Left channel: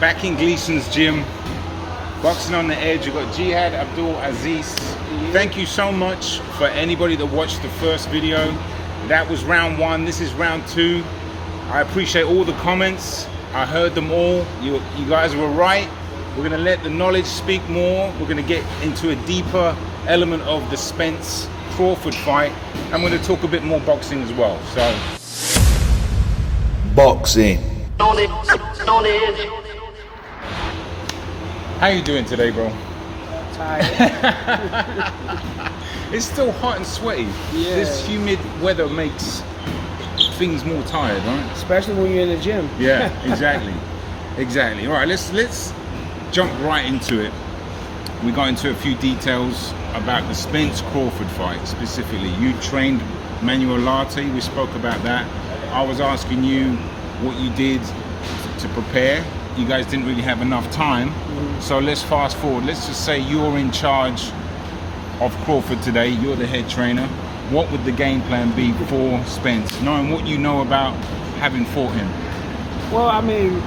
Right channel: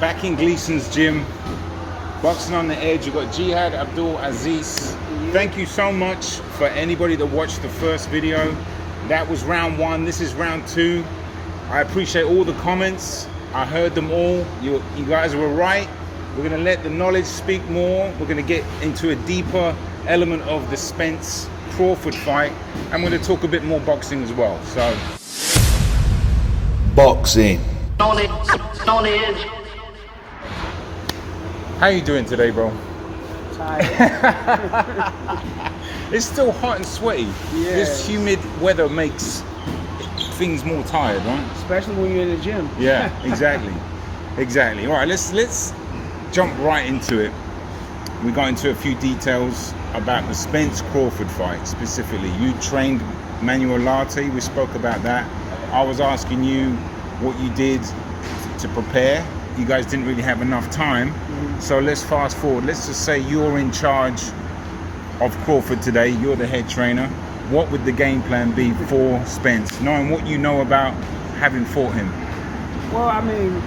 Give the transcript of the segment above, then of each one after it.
Back in Gleason's gym, boxing on the edge. You've got Jihad-Abdul-Aziz. Thank you so much for anybody that watched the first video. That was round 1. This is round 2. I appreciate all the comments. I heard them all. You guys were right. We're going to let the knowledge speak more. We're going to get into a deeper element of the Spence Crawford fight. I'm going to talk a bit more boxing as well. So, boxing. How you doing today, bro? Tired. It's still hot and sweaty. Yeah. This humid weather makes things more tired, right? Especially when you're in the gym. Yeah, exactly. Exactly. All right, let's jump right into it. We got into a few details about the Spence Crawford fight specifically. You trained Manuel Latte. We spoke about that. I was asking you what you did to prepare. You guys didn't really have enough time. So let's fast forward. Let's just say you're in charge of Crawford today. You're the head trainer. What would the game plan be for Spence, knowing what you know about having fought him? Well, I mean,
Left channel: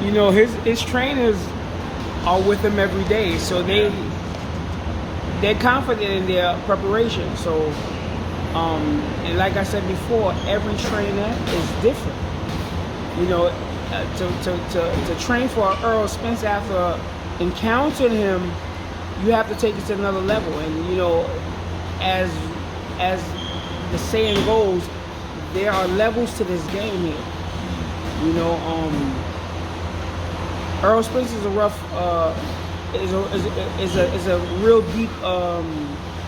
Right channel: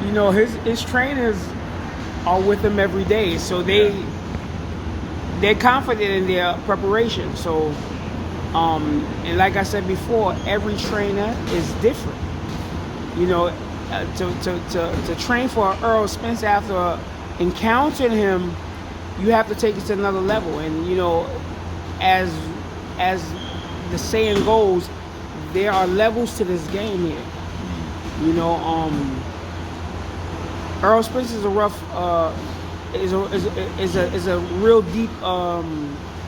you know, his trainers are with him every day, so they're confident in their preparation. So, and like I said before, every trainer is different. You know, to train for Errol Spence after encountering him, you have to take it to another level. And you know, as the saying goes, there are levels to this game here. You know, Errol Spence is a rough, is a real deep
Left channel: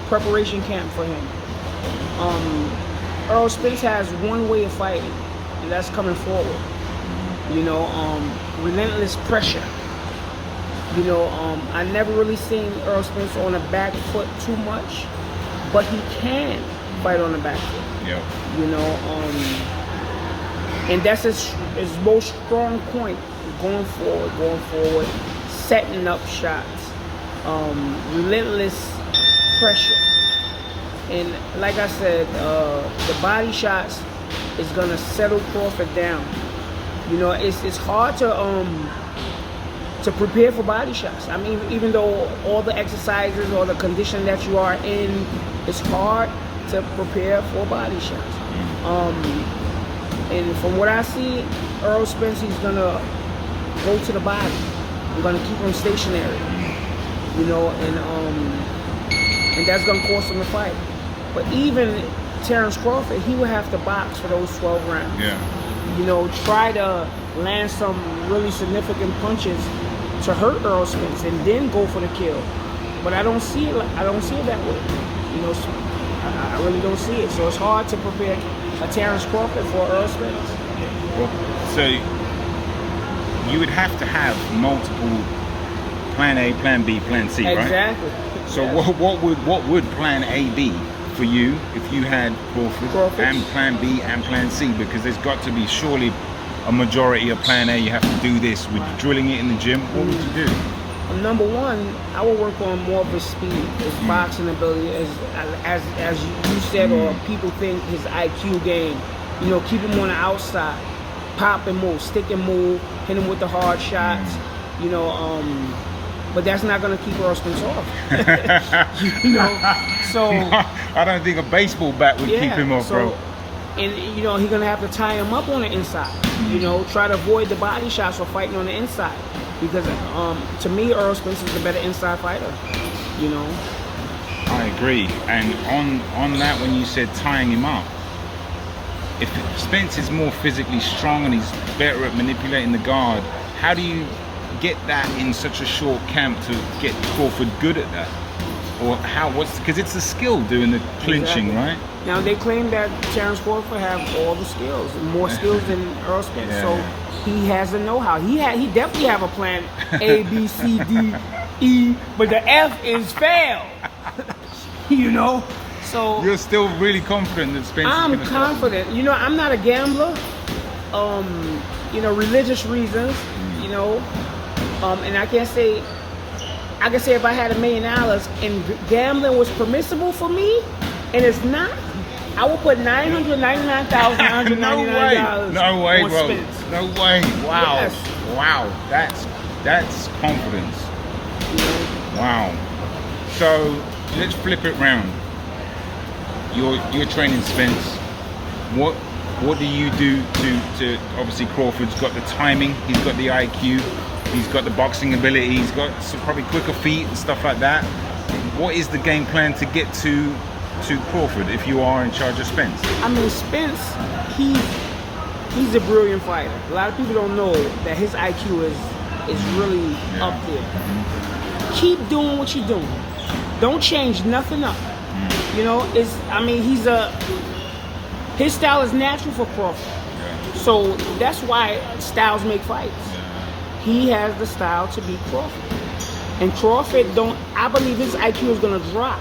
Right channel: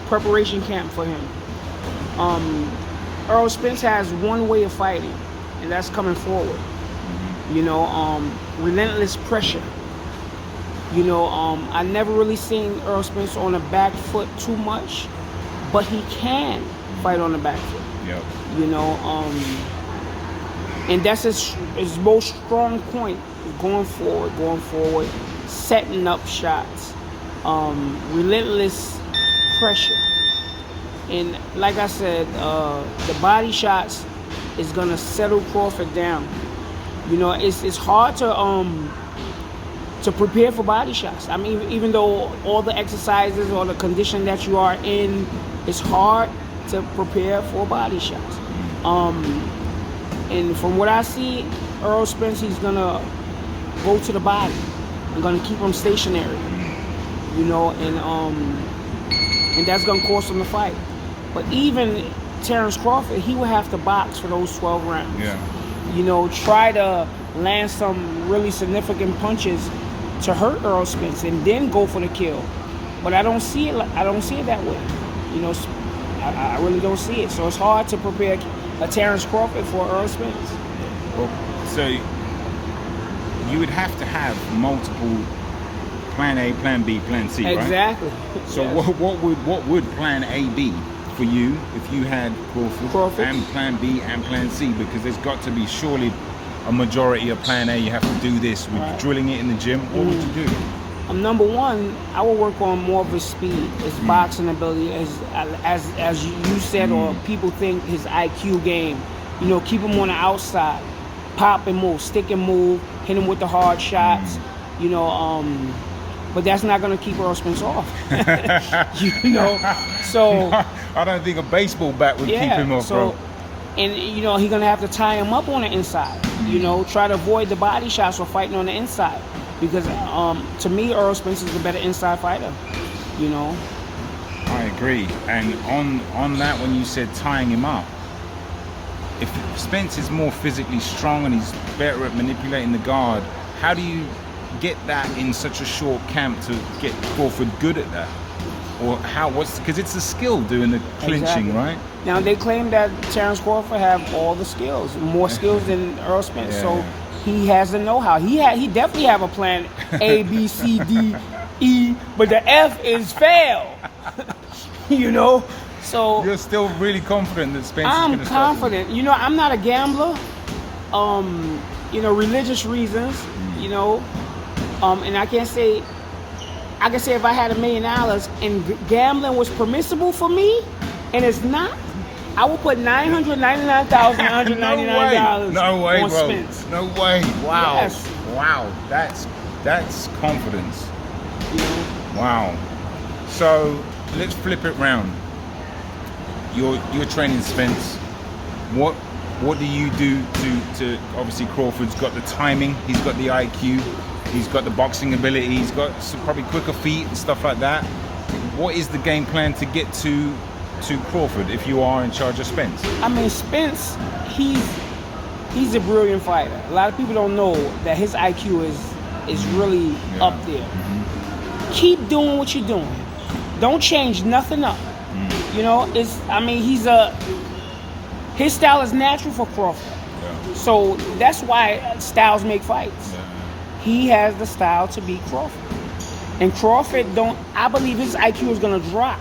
preparation camp for him. Errol Spence has one way of fighting, and that's coming forward. You know, relentless pressure. You know, I never really seen Errol Spence on the back foot too much, but he can fight on the back foot. Yep. You know, and that's his most strong point, going forward, setting up shots, relentless pressure. And like I said, the body shots is gonna settle Crawford down. You know, it's hard to prepare for body shots. I mean, even though all the exercises or the condition that you are in, it's hard to prepare for body shots. And from what I see, Errol Spence, he's gonna go to the body. We're gonna keep him stationary. You know, and that's gonna cost him the fight. But even Terrence Crawford, he will have to box for those 12 rounds. Yeah. You know, try to land some really significant punches to hurt Errol Spence and then go for the kill. But I don't see it. I don't see it that way. You know, I really don't see it. So it's hard to prepare a Terrence Crawford for Errol Spence. Well, so you would have to have multiple plan A, plan B, plan C, right? Exactly. So what would plan A be for you if you had Crawford and plan B and plan C? Because there's got to be surely a majority of plan A. You have to do this. Would you drilling it in the gym? What would you do? Number one, I would work on more of his speed, his boxing ability, as you said, or people think, his IQ game. You know, keep him on the outside, pop and move, stick and move, hit him with the hard shots. You know, but that's not going to keep Errol Spence off. You know, so I don't think a baseball bat would keep him off, bro. And you know, he's going to have to tie him up on the inside. You know, try to avoid the body shots or fighting on the inside. Because to me, Errol Spence is the better inside fighter. You know. I agree. And on that, when you said tying him up, if Spence is more physically strong and he's better at manipulating the guard, how do you get that in such a short camp to get Crawford good at that? Or because it's a skill doing the clinching, right? Now they claim that Terrence Crawford have all the skills, more skills than Errol Spence. Yeah. So he has the know-how. He definitely have a plan A, B, C, D, E, but the F is fail. You know, so you're still really confident that Spence is going to stop him? I'm confident. You know, I'm not a gambler. You know, religious reasons. You know, and I can say if I had $1 million and gambling was permissible for me, and it's not, I would put $999,999 No way, on bro. Spence. No way. Wow. Yes. Wow, that's confidence. Wow. So let's flip it round. You're training Spence. What do you do to obviously Crawford's got the timing, he's got the IQ, he's got the boxing ability, he's got some probably quicker feet and stuff like that. What is the game plan to get to Crawford if you are in charge of Spence? I mean, Spence, he's a brilliant fighter. A lot of people don't know that his IQ is really up there. Keep doing what you're doing. Don't change nothing up. You know, his style is natural for Crawford. Yeah. So that's why styles make fights. Yeah. He has the style to beat Crawford. And Crawford I believe his IQ is gonna drop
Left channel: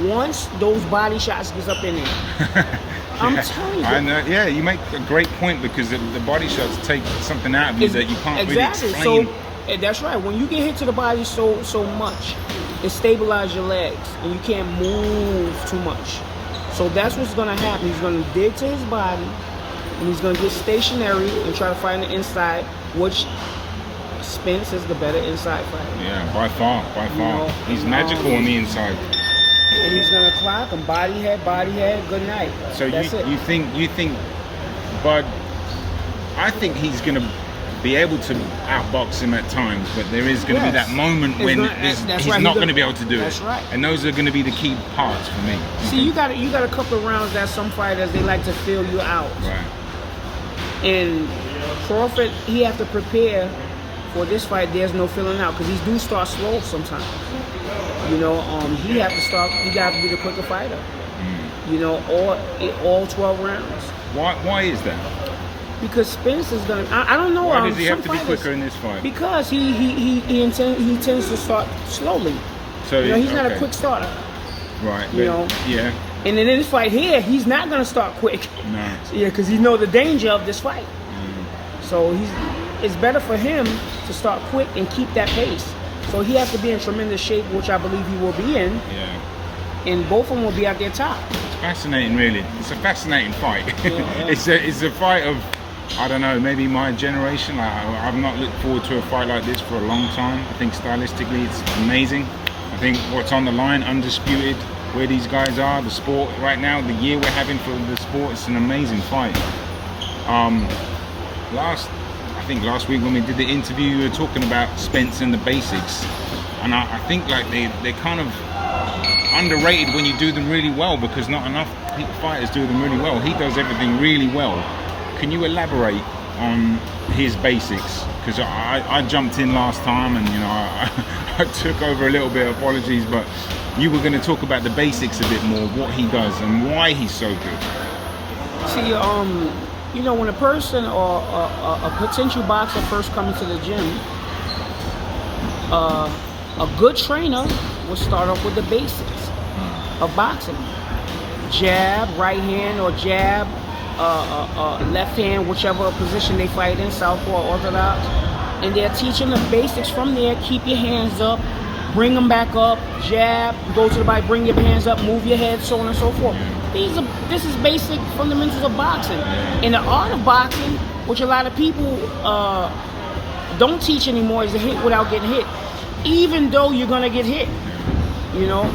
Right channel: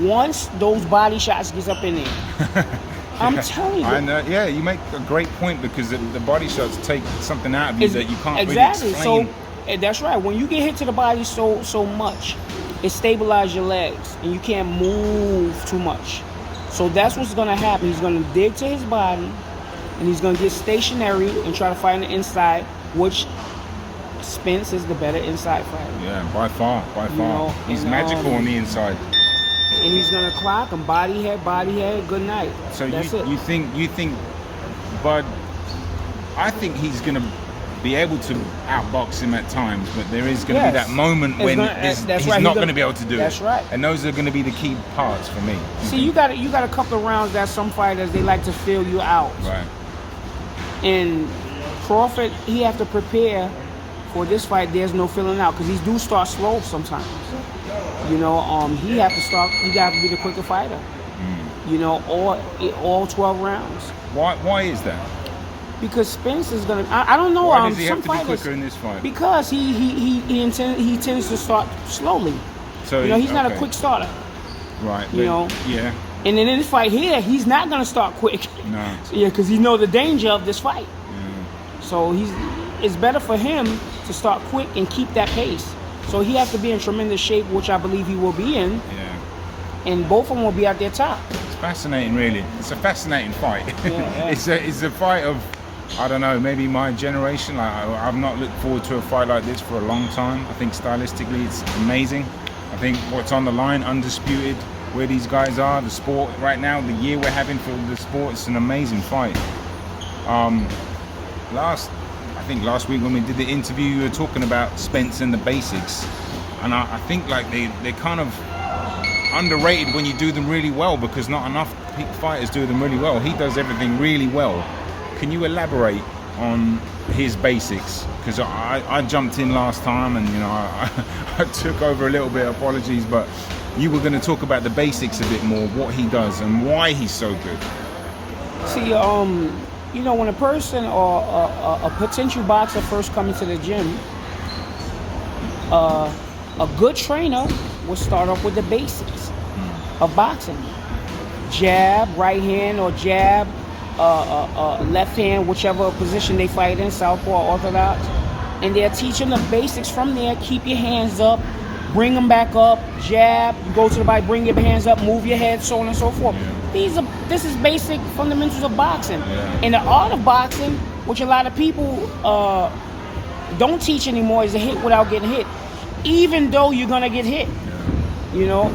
once those body shots gets up in there. I'm telling you. I know, yeah, you make a great point because the body shots take something out of you that you can't really explain. So that's right. When you get hit to the body so much, it stabilizes your legs and you can't move too much. So that's what's going to happen. He's going to dig to his body and he's going to get stationary and try to fight on the inside, which Spence is the better inside fighter. Yeah, by far. You know, he's magical on the inside. And he's going to clock him, body head, good night. So you think Bud, I think he's going to be able to outbox him at times, but there is going to be that moment when he's not going to be able to do it. That's right. And those are going to be the key parts for me. See, you got a couple of rounds that some fighters, they like to fill you out. Right. And Crawford, he have to prepare for this fight. There's no filling out because these do start slow sometimes. You know, he got to be the quicker fighter. You know, all 12 rounds. Why is that? Because Spence is gonna. I don't know. Why does he have to be quicker in this fight? Because he tends to start slowly. So you know, he's not a quick starter. Right. You know. Yeah. And in this fight here, he's not gonna start quick. No. Yeah, because he knows the danger of this fight. So it's better for him to start quick and keep that pace. So he has to be in tremendous shape, which I believe he will be in. Yeah. And both of them will be at their top. It's fascinating, really. It's a fascinating fight. Yeah. It's a fight of, I don't know, maybe my generation. I've not looked forward to a fight like this for a long time. I think stylistically it's amazing. I think what's on the line, undisputed, where these guys are, the sport right now, the year we're having for the sport, it's an amazing fight. I think last week when we did the interview, you were talking about Spence and the basics. And I think like they're kind of underrated when you do them really well, because not enough fighters do them really well. He does everything really well. Can you elaborate on his basics? Because I jumped in last time and you know I took over a little bit. Apologies, but you were going to talk about the basics a bit more, what he does and why he's so good. See, you know, when a person or a potential boxer first comes to the gym, a good trainer will start off with the basics of boxing. Jab, right hand, or jab, left hand, whichever position they fight in, southpaw or orthodox. And they're teaching the basics from there. Keep your hands up, bring them back up, jab, go to the body, bring your hands up, move your head, so on and so forth. This is basic fundamentals of boxing. In the art of boxing, which a lot of people don't teach anymore, is a hit without getting hit. Even though you're gonna get hit, you know,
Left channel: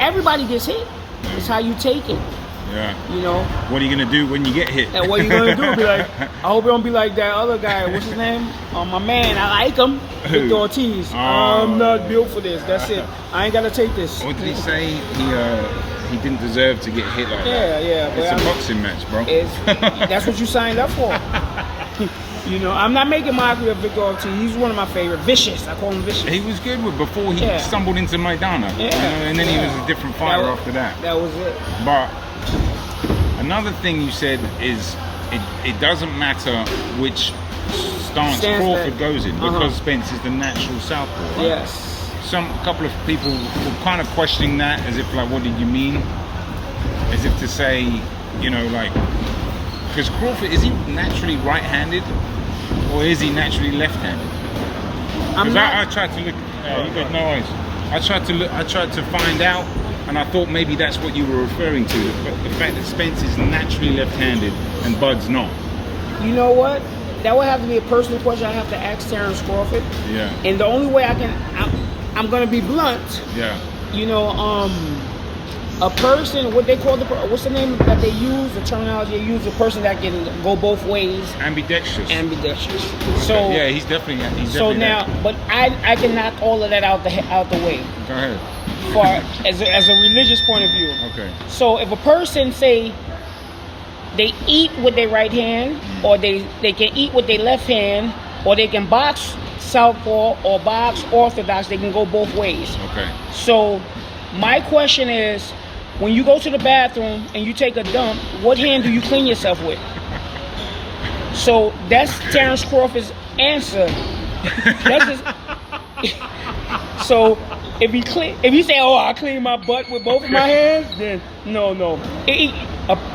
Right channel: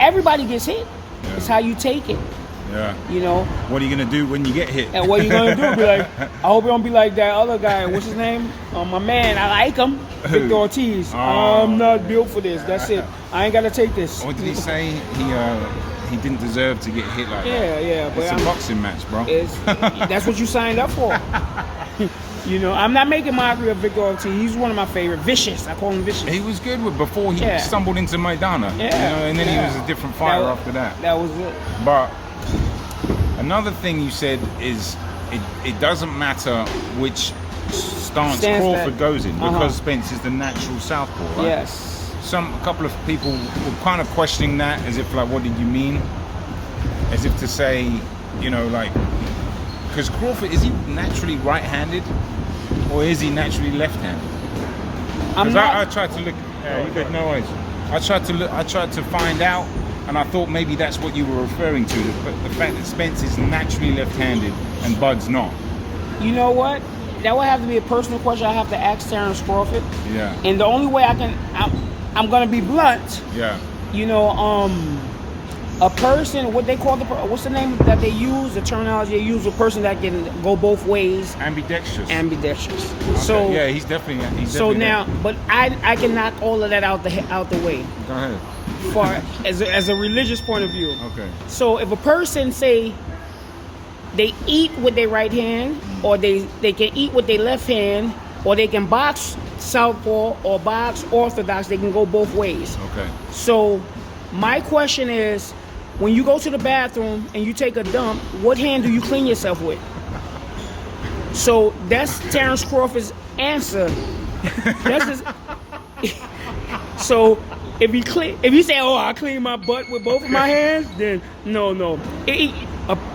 everybody gets hit. It's how you take it. Yeah. You know. What are you gonna do when you get hit? And what are you gonna do? Be like, I hope it don't be like that other guy. What's his name? My man. I like him. Victor Ortiz. I'm not built for this. That's it. I ain't gotta take this. What did he say? He didn't deserve to get hit like that. Yeah. It's a boxing match, bro. That's what you signed up for. You know, I'm not making mockery of Victor Ortiz. He's one of my favorite. Vicious. I call him Vicious. He was good before he stumbled into Maidana. Yeah. You know, and then he was a different fighter after that. That was it. But another thing you said is it doesn't matter which stance Crawford goes in, because Spence is the natural southpaw, right? Yes. A couple of people were kind of questioning that, as if like, what did you mean? As if to say, you know, like, because Crawford, is he naturally right-handed or is he naturally left-handed? Because I tried to look. You got no worries. I tried to find out, and I thought maybe that's what you were referring to. But the fact that Spence is naturally left-handed and Bud's not. You know what? that would have to be a personal question I have to ask Terrence Crawford. Yeah. And the only way I'm gonna be blunt. Yeah. You know, a person, what they call what's the name that they use? The terminology they use, a person that can go both ways. Ambidextrous. Ambidextrous. Okay. So yeah, he's definitely. So now, but I can knock all of that out the way. Go ahead. For as a religious point of view. Okay. So if a person say they eat with their right hand, or they can eat with their left hand, or they can box southpaw or box orthodox, they can go both ways. Okay. So my question is, when you go to the bathroom and you take a dump, what hand do you clean yourself with? So that's Terrence Crawford's answer. That's his, so if you say, "Oh, I clean my butt with both of my hands," then no.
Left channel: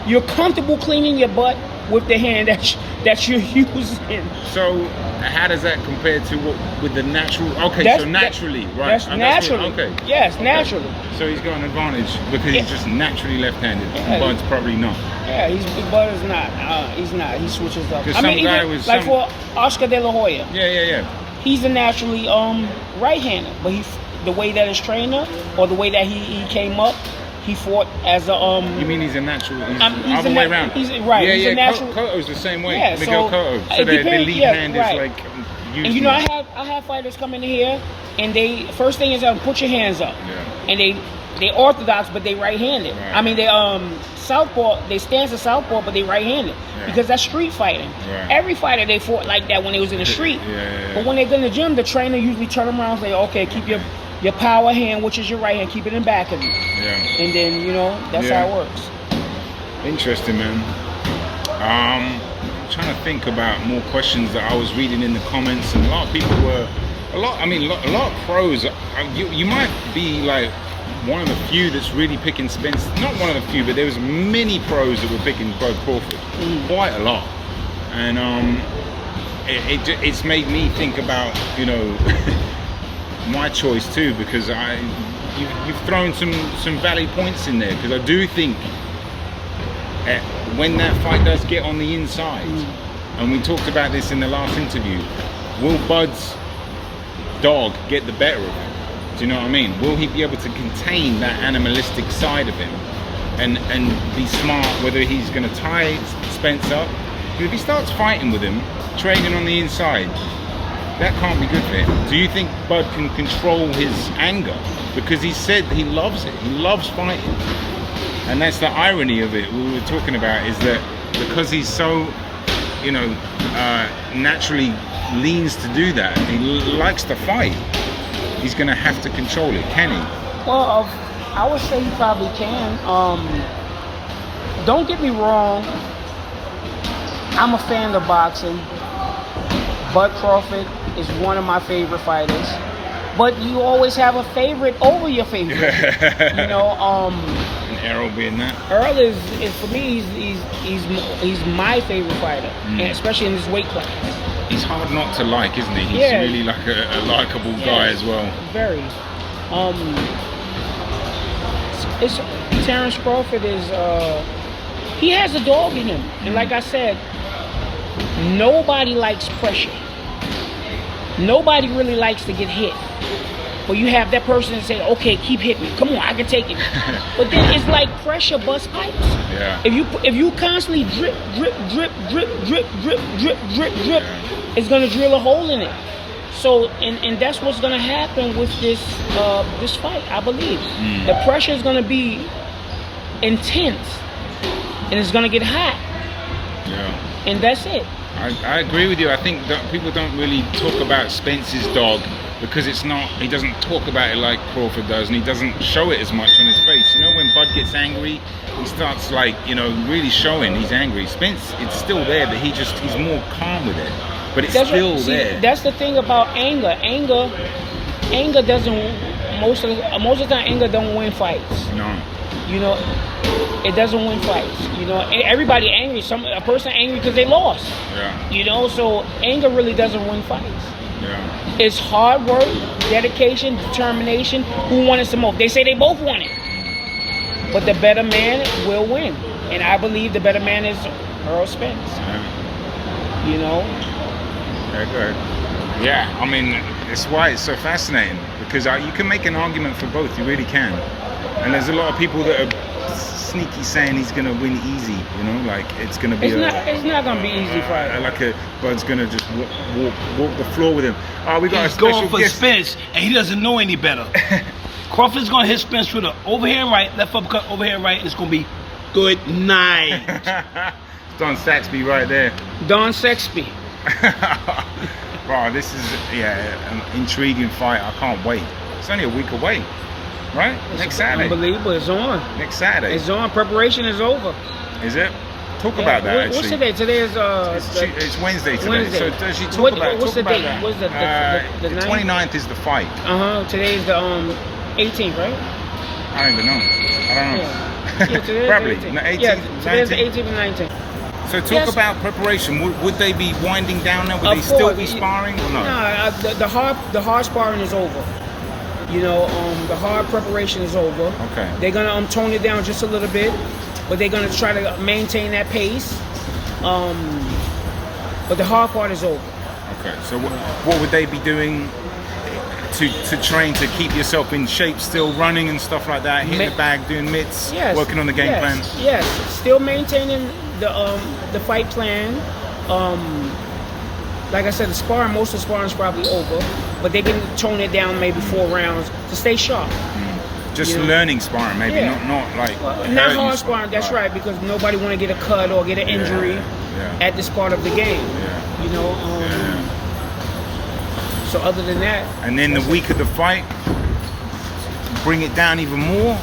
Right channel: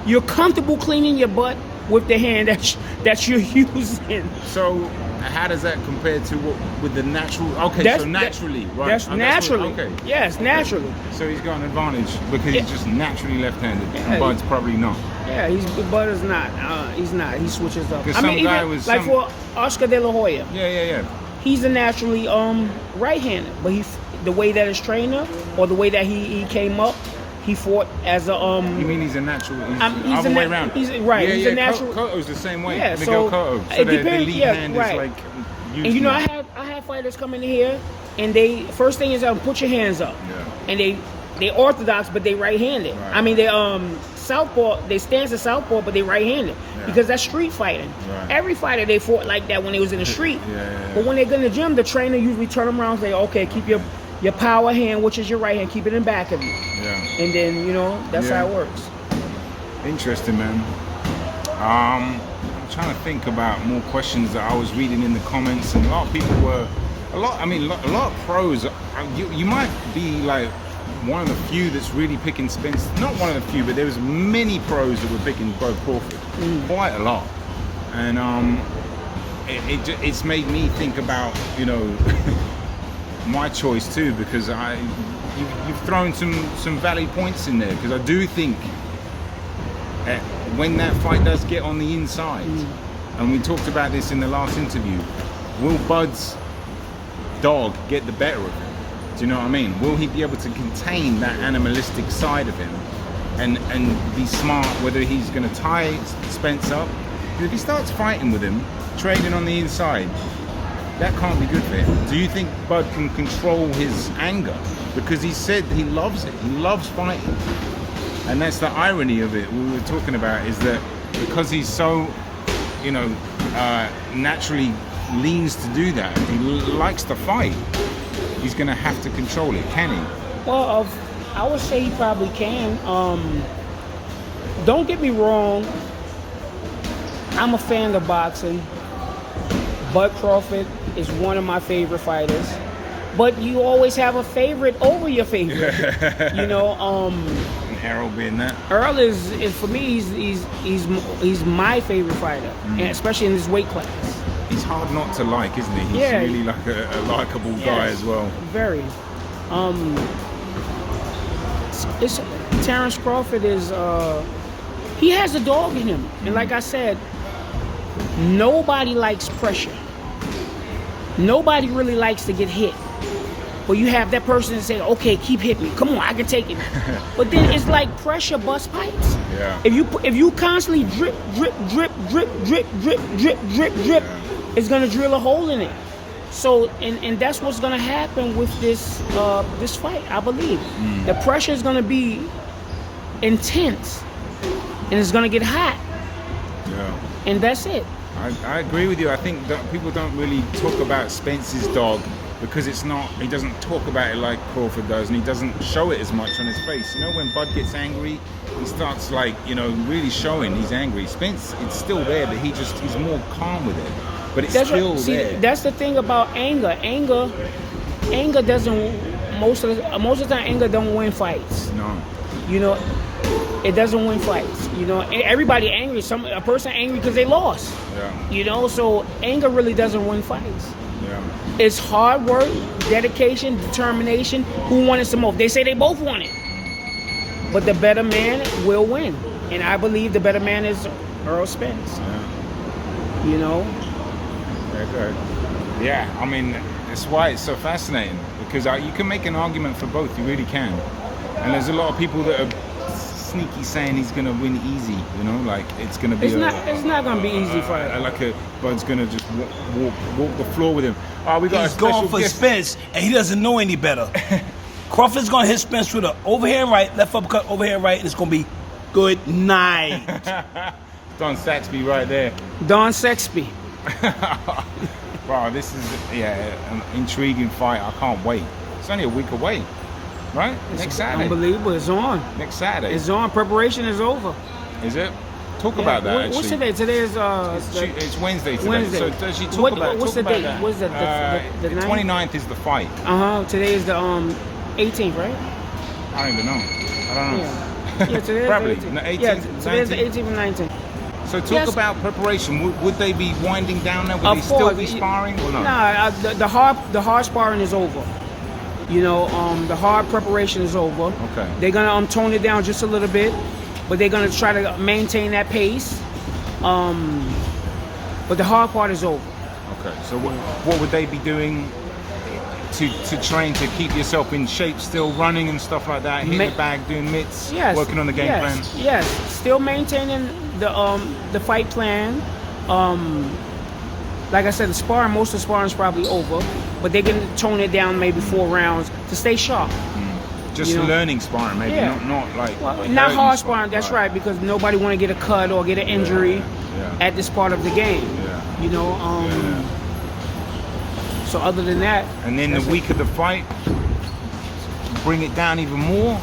You're comfortable cleaning your butt with the hand that you're using. So how does that compare to what with the natural? Okay, so naturally, right? That's naturally. Okay. Yes, naturally. So he's got an advantage because he's just naturally left-handed. Yeah. Bud's probably not. Yeah, Bud is not. He's not. He switches up. I mean, even like for Oscar De La Hoya. Yeah. He's a naturally right-handed, but the way that his trainer or the way that he came up, he fought as a You mean he's a natural? He's he's other way around. He's right. Yeah, he's a natural. Cotto's the same way. Yeah, Miguel so Cotto. So the lead hand is like. And you know, I have fighters come in here, and they first thing is put your hands up. Yeah. And they orthodox, but they right-handed. Right. I mean, they southpaw. They stance as southpaw, but they right-handed because that's street fighting. Right. Every fighter they fought like that when they was in the street. Yeah. But when they go in the gym, the trainer usually turn them around and say, "Okay, keep your power hand, which is your right hand, keep it in back of you." Yeah. And then that's how it works. Interesting, man. I'm trying to think about more questions that I was reading in the comments, and a lot of people were, a lot of pros. You might be like one of the few that's really picking Spence. Not one of the few, but there was many pros that were picking Bud Crawford, quite a lot, and it's made me think about my choice too, because you've thrown some valid points in there, because I do think when that fight does get on the inside, and we talked about this in the last interview, will Bud's dog get the better of him? Do you know what I mean? Will he be able to contain that animalistic side of him and be smart, whether he's going to tie Spence up? Because if he starts fighting with him, trading on the inside, that can't be good for him. Do you think Bud can control his anger? Because he said he loves it. He loves fighting. And that's the irony of it we were talking about, is that because he's so, naturally leans to do that, he likes to fight, he's going to have to control it. Can he? Well, I would say he probably can. Don't get me wrong, I'm a fan of boxing. Bud Crawford is one of my favorite fighters, but you always have a favorite over your favorite. Errol being that. Errol is for me, he's my favorite fighter, and especially in this weight class. He's hard not to like, isn't he? He's really like a likable guy as well. Very. Terrence Crawford is he has a dog in him, and like I said, nobody likes pressure. Nobody really likes to get hit. But you have that person that say, "Okay, keep hitting me. Come on, I can take it." But then it's like pressure bust pipes. Yeah. If you constantly drip, it's gonna drill a hole in it. So and that's what's gonna happen with this fight, I believe. The pressure is gonna be intense, and it's gonna get hot. Yeah. And that's it. I agree with you. I think that people don't really talk about Spence's dog because he doesn't talk about it like Crawford does, and he doesn't show it as much on his face. When Bud gets angry, he starts really showing he's angry. Spence, it's still there, but he's more calm with it. But it's still there. That's the thing about anger. Anger doesn't, most of the time, anger don't win fights. No. It doesn't win fights. Everybody angry. A person angry because they lost. Yeah. So anger really doesn't win fights. Yeah. It's hard work, dedication, determination. Who won it the most? They say they both won it. But the better man will win. And I believe the better man is Errol Spence. Yeah. Yeah, go ahead. Yeah, I mean, it's why it's so fascinating, because you can make an argument for both. You really can. And there's a lot of people that are sneaky saying he's gonna win easy. You know, like it's gonna be. It's not gonna be easy fight. Like Bud's gonna just walk the floor with him. Oh, we got He's a special going for guest. Spence, and he doesn't know any better. Crawford's gonna hit Spence with a overhand right, left uppercut, overhand right, and it's gonna be good night. Don Saxby right there. Don Saxby. Wow, this is an intriguing fight. I can't wait. It's only a week away, right? Next Saturday. Unbelievable. It's on. Next Saturday. It's on. Preparation is over. Is it? Talk about that. What's actually. today? Today is it's Wednesday today. Wednesday. So does she talk about what's the date? that? What's the 29th is the fight. Today is the 18th, right? I don't even know. I don't know. Yeah, today Probably. is the 18th. No, 18th, Yeah, today is the 19th. 18th and 19th. So talk about preparation. Would they be winding down now? Would they still be sparring or no? Nah, the hard sparring is over. You know, the hard preparation is over. Okay. They're gonna tone it down just a little bit, but they're gonna try to maintain that pace. But the hard part is over. Okay. So what would they be doing to train to keep yourself in shape? Still running and stuff like that, hitting the bag, doing mitts, working on the game plan. Yes, still maintaining the fight plan. Like I said, most of the sparring is probably over, but they can tone it down maybe 4 rounds to stay sharp. Just learning sparring, maybe not like not hard sparring. That's right, because nobody want to get a cut or get an injury at this part of the game. Yeah. You know. So other than that, and then the week of the fight, bring it down even more,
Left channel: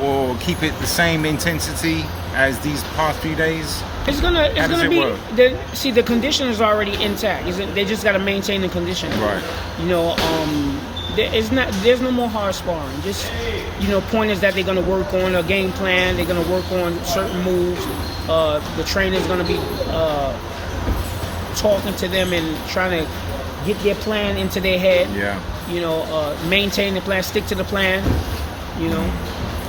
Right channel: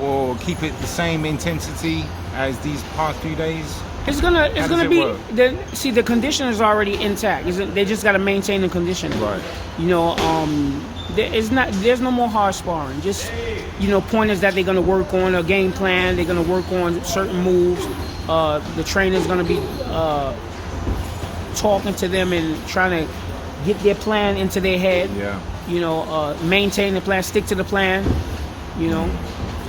or keep it the same intensity as these past few days. It's gonna be. Work? The condition is already intact. They just got to maintain the condition. Right. You know, there's no more hard sparring. Just, you know, point is that they're gonna work on a game plan. They're gonna work on certain moves. The trainer's gonna be talking to them and trying to get their plan into their head. Yeah. You know, maintain the plan, stick to the plan. You know,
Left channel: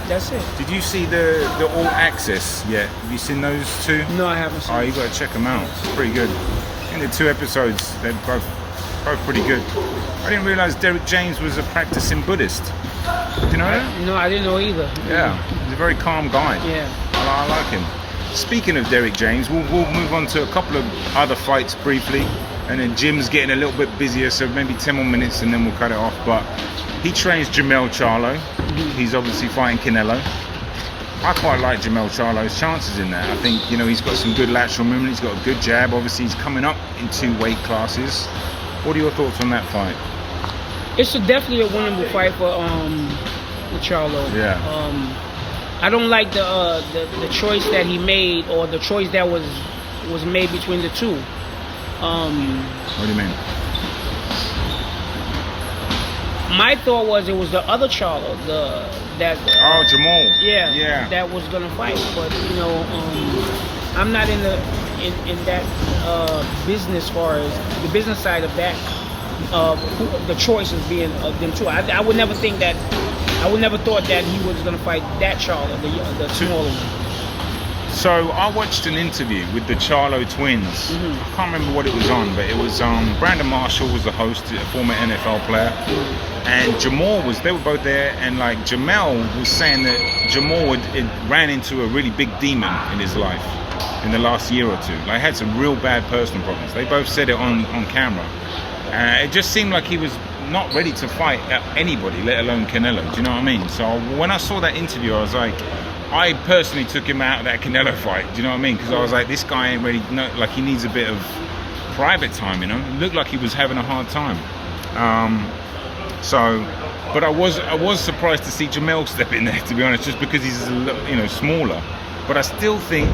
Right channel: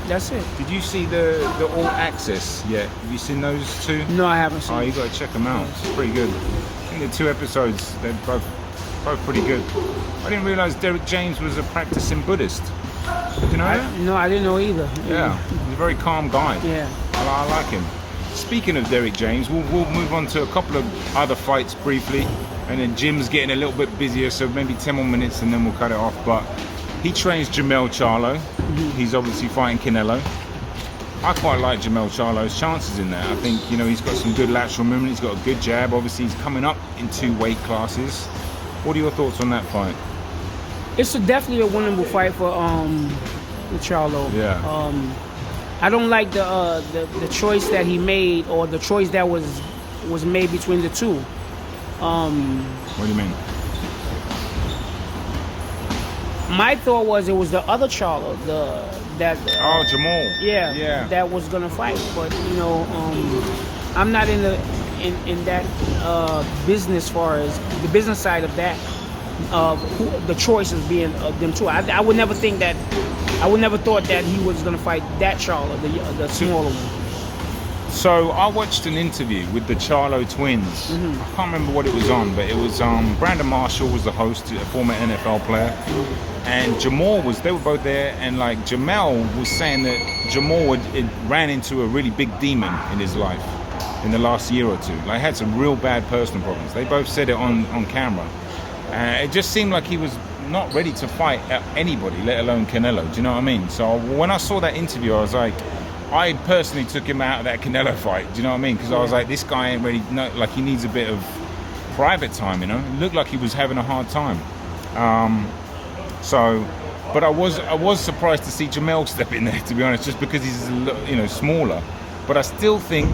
that's it. Did you see the All Access yet? Have you seen those two? No, I haven't seen. Oh, you got to check them out. It's pretty good. In the 2 episodes, they're both pretty good. I didn't realize Derek James was a practicing Buddhist. Did you know that? No, I didn't know either. Yeah, he's a very calm guy. Yeah. I like him. Speaking of Derek James, we'll move on to a couple of other fights briefly. And then Jim's getting a little bit busier, so maybe 10 more minutes and then we'll cut it off. But he trains Jermell Charlo. He's obviously fighting Canelo. I quite like Jermell Charlo's chances in there. I think, you know, he's got some good lateral movement. He's got a good jab. Obviously, he's coming up in 2 weight classes. What are your thoughts on that fight? It's definitely a winnable fight for Charlo. Yeah. I don't like the choice that he made, or the choice that was made between the two. What do you mean? My thought was it was the other Charlo, Jamal. Yeah. That was gonna fight, but you know, I'm not in that business, far as the business side of that. The choices being them two. I would never think that. I would never thought that he was gonna fight that Charlo, the smaller one. So I watched an interview with the Charlo twins. I can't remember what it was on, but it was Brandon Marshall was the host, a former NFL player, and Jamal they were both there, and like Jamel was saying that Jamal ran into a really big demon in his life in the last year or 2. Like had some real bad personal problems. They both said it on camera. It just seemed like he was not ready to fight anybody, let alone Canelo. Do you know what I mean? So when I saw that interview, I was like, I personally took him out of that Canelo fight. Do you know what I mean? Because I was like, this guy ain't ready. No, like he needs a bit of private time. You know, it looked like he was having a hard time. But I was surprised to see Jamel step in there, to be honest, just because he's smaller. But I still think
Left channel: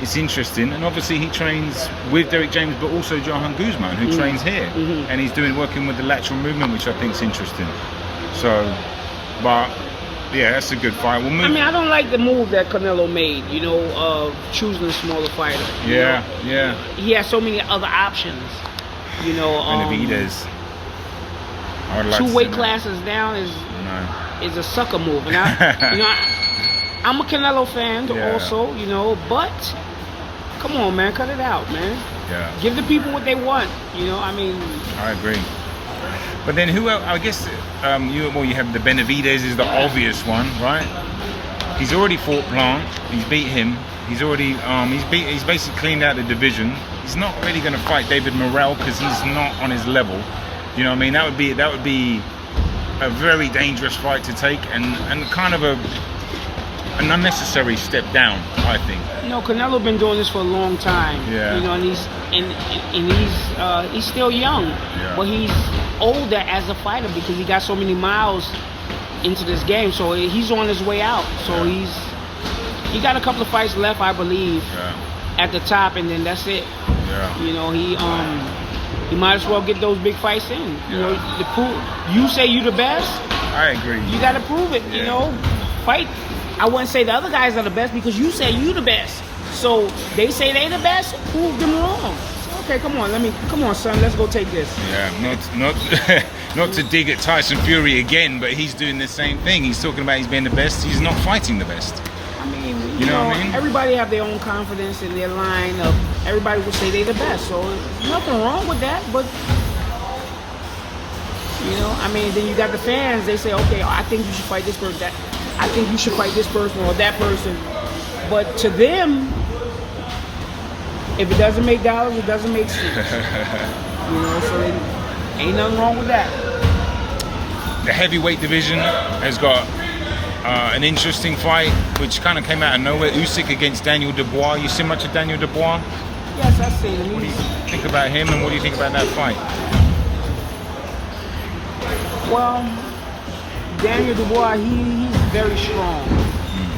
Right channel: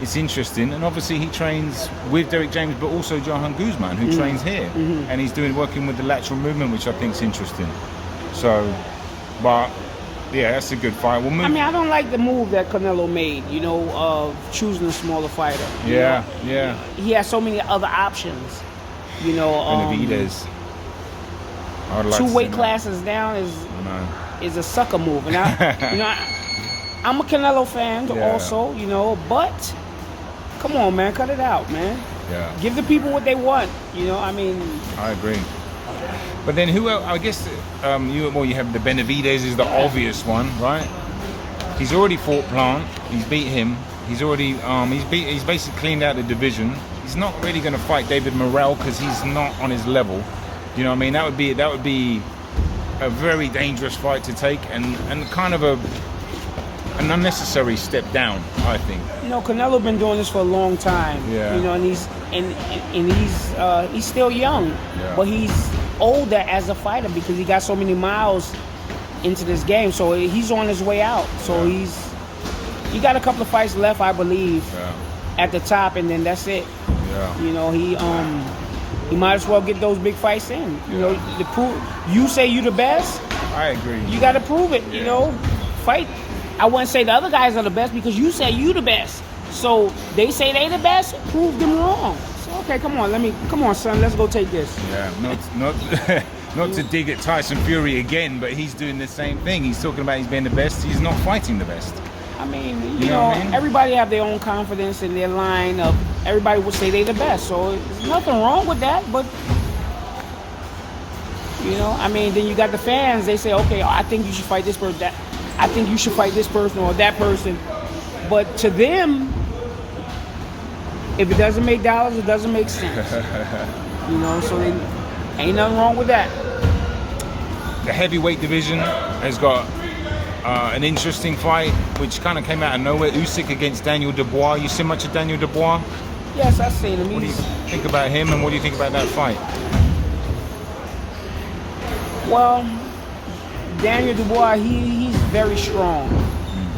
it's interesting, and obviously he trains with Derek James, but also Johan Guzman, who trains here, and he's working with the lateral movement, which I think is interesting. So, but. Yeah, that's a good fight. We'll move. I mean, I don't like the move that Canelo made, you know, of choosing a smaller fighter. Yeah. He has so many other options, you know. Benavidez. I would like 2 weight classes down is a sucker move. And I'm a Canelo fan also, you know, but Come on, man, cut it out, man. Yeah. Give the people what they want. You know, I mean. I agree. But then who else? I guess you have the Beterbiev is the obvious one, right? He's already fought Plant. He's beat him. He's already he's basically cleaned out the division. He's not really going to fight David Morrell because he's not on his level. You know what I mean? That would be a very dangerous fight to take and kind of an unnecessary step down, I think. You know, Canelo been doing this for a long time. Yeah. You know, and he's still young, Yeah. but he's older as a fighter because he got so many miles into this game. So he's on his way out. So Yeah. he got a couple of fights left, I believe, Yeah. at the top, and then that's it. Yeah. You know, he might as well get those big fights in. You Yeah. know, you say you the best, I agree. you got to prove it. You Yeah. know, fight. I wouldn't say the other guys are the best because you say you the best. So they say they the best. Prove them wrong. So, okay, come on, son. Let's go take this. Yeah, not to dig at Tyson Fury again, but he's doing the same thing. He's talking about he's being the best. He's not fighting the best. I mean, You know what I mean? Everybody have their own confidence in their line of everybody would say they the best. So there's nothing wrong with that, but you know, I mean, then you got the fans. They say, okay, I think you should fight this person. I think you should fight this person or that person. But to them, if it doesn't make dollars, it doesn't make sense. You know, so ain't nothing wrong with that. The heavyweight division has got an interesting fight, which kind of came out of nowhere. Usyk against Daniel Dubois. You see much of Daniel Dubois? Yes, I see him. What do you think about him, and what do you think about that fight? Well, Daniel Dubois, he's very strong.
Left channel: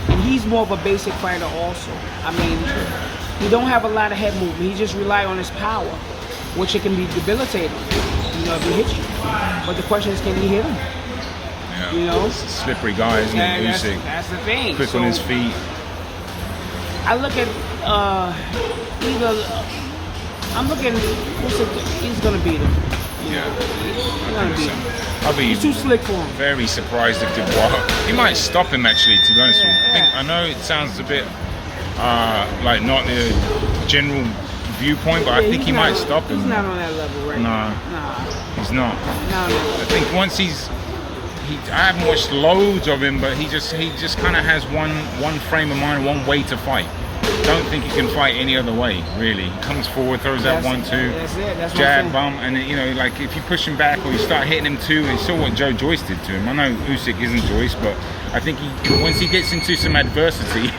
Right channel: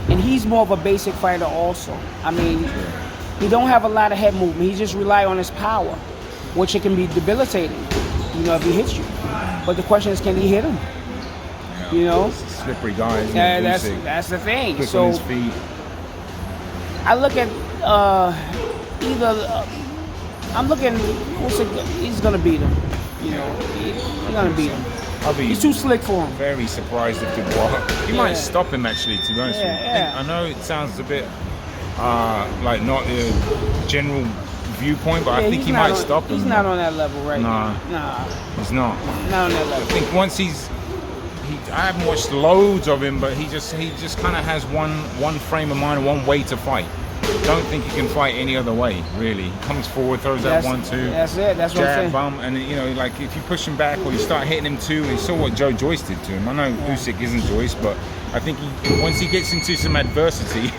And he's more of a basic fighter also. I mean, he don't have a lot of head movement. He just rely on his power, which it can be debilitating, you know, if he hits you. But the question is, can he hit him? Yeah. You know? Slippery guy, isn't he, Usyk? That's the thing. Quick on his feet. I look at he's going to beat him. Yeah. He's going to beat him. I'll be He's too slick for him. very surprised if Dubois. He might stop him actually, to be honest with you. I know it sounds a bit like not the general viewpoint, but I think he might stop him. He's not on that level right No. now. He's not. No. I think once I haven't watched loads of him, but he just kind of has one frame of mind, one way to fight. Don't think he can fight any other way, really. He comes forward, throws that 1-2, That's it. That's what I'm jab, saying. bump, and then, you know, like if you push him back or you start hitting him too, and you saw what Joe Joyce did to him. I know Usyk isn't Joyce, but I think once he gets into some adversity,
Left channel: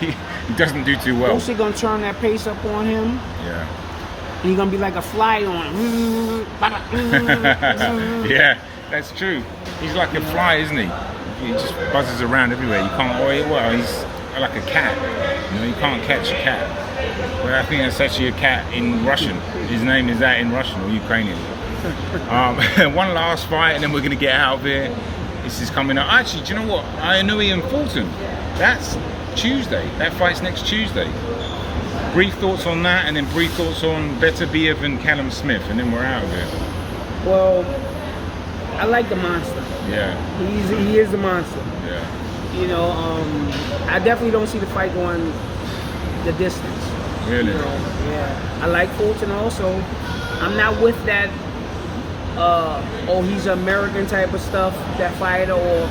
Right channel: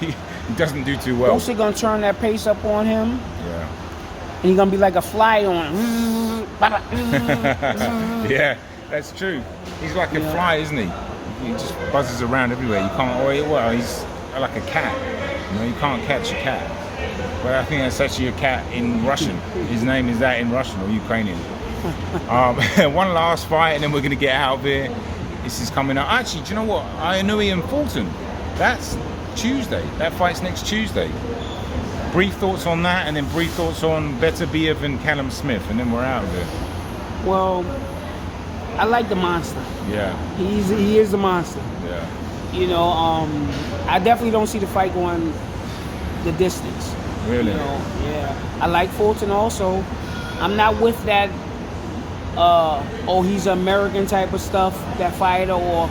he doesn't do too well. Usyk gonna turn that pace up on him, Yeah. and he's gonna be like a fly on him. Yeah, that's true. He's like a fly, isn't he? He just buzzes around everywhere. You can't. Well, he's like a cat. You know, you can't catch a cat. Well, I think that's actually a cat in Russian. His name is that in Russian or Ukrainian. One last fight, and then we're gonna get out of here. This is coming up. Actually, do you know what? Inoue and Fulton. That's Tuesday. That fight's next Tuesday. Brief thoughts on that, and then brief thoughts on Beterbiev and Callum Smith, and then we're out of here. Well, I like the monster. Yeah. He is a monster. Yeah. You know, I definitely don't see the fight going the distance. Really? You know, yeah. I like Fulton also. I'm not with that. He's an American type of stuff. That fighter, or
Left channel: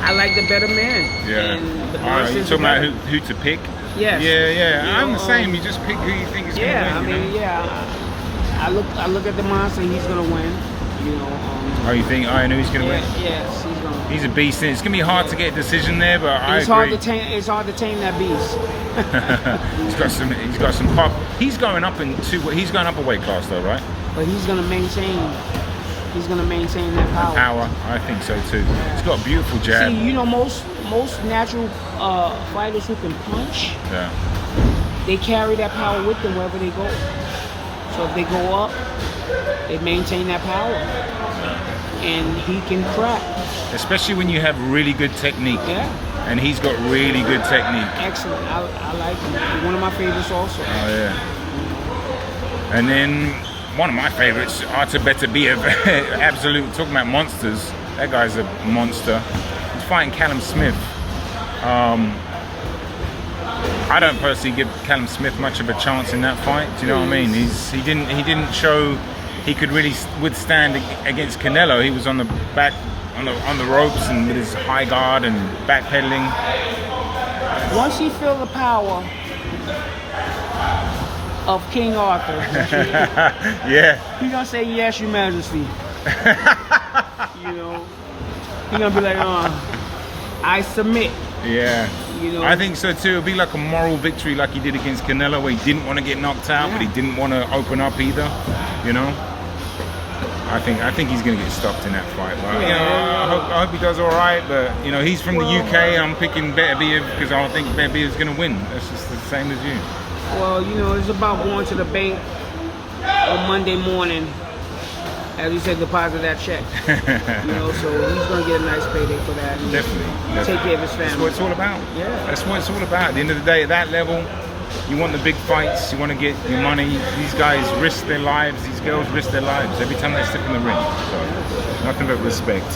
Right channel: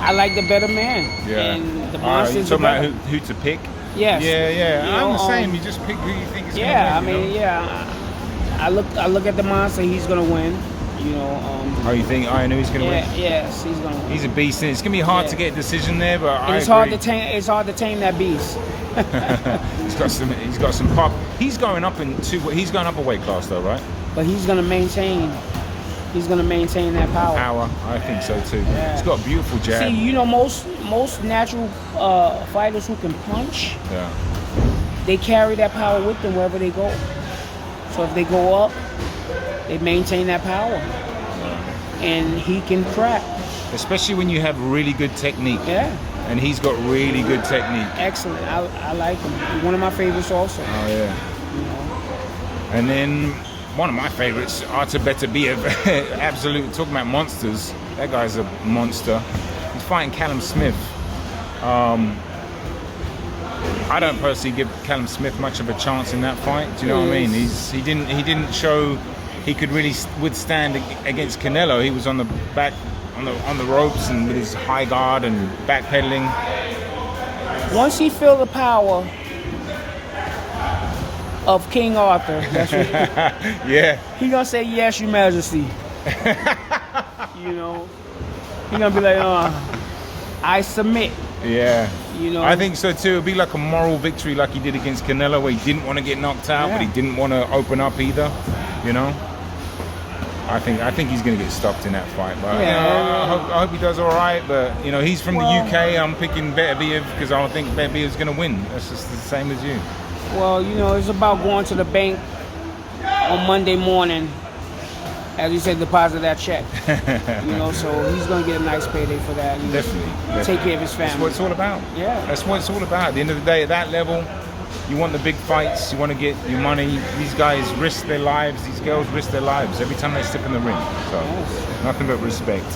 I like the better man. Yeah. And the You monster's talking about better. who to pick? Yes. Yeah. You I'm know, the same. You just pick who you think is Yeah, going to win. I look at the monster. He's gonna win. You know. Oh, you think Inoue's going to win? Yes, he's gonna win. He's a beast. It's going to be hard to get a decision there, but I It's agree. It's hard to tame that beast. He's got some pop. He's going up a weight class though, right? But he's gonna maintain that power. Power, I think so too. Yeah. He's got a beautiful jab. See, you know, most natural fighters who can punch, Yeah. they carry that power with them wherever they go. So if they go up, they maintain that power, and he can crack. Especially when you have really good technique. Yeah, And he's got really good technique. excellent. I like him. He's one of my favorites also. Oh yeah. And then one of my favorites, Artur Beterbiev. Absolute, talking about monsters. That guy's a monster. He's fighting Callum Smith. I don't personally give Callum Smith much of a chance in that fight. Do you know what I mean? He didn't show he could really withstand against Canelo. He was on the back, on the ropes, and with his high guard and backpedaling. Once he feel the power of King Arthur, yeah, he gonna say yes, Your Majesty. You know, he gonna be like, I submit. Yeah. You know, I think so too. It'll be like a moral victory, like he did against Canelo, where he didn't want to get knocked out, but he didn't want to open up either. You know. I think he's gonna get stopped in that fight. But you know, I hope he does all right. But you know, he's from the UK. I'm picking Beterbiev because I don't think Beterbiev's gonna win. That's just the same as you. Well, you know, it's about going to the bank on Monday morning, as he said, deposit that check. You know, so he's going to get a nice payday for that. And Definitely. Take care of his family. That's what it's all about. Yeah. That's what it's all about. At the end of the day, at that level, you want the big fights, you want to get your money. These guys risk their lives, these girls risk their lives every time they step in the ring. So, nothing but respect.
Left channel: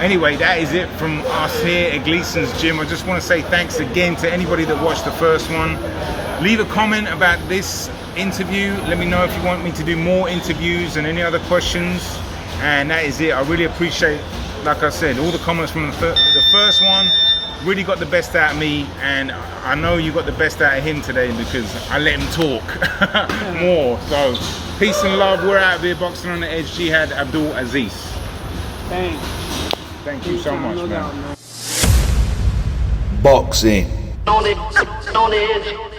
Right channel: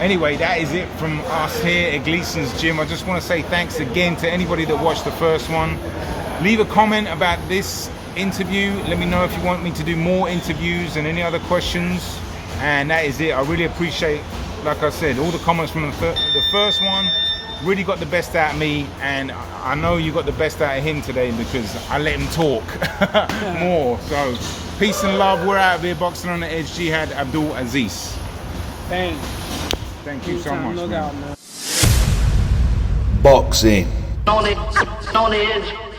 Anyway, that is it from us here at Gleason's Gym. I just want to say thanks again to anybody that watched the first one. Leave a comment about this interview. Let me know if you want me to do more interviews and any other questions. And that is it. I really appreciate, like I said, all the comments from the first one. Really got the best out of me, and I know you got the best out of him today because I let him talk more. So peace and love. We're out of here, boxing on the edge. Jihad-Abdul-Aziz. Thanks. Thank you so much, man. Boxing on the edge.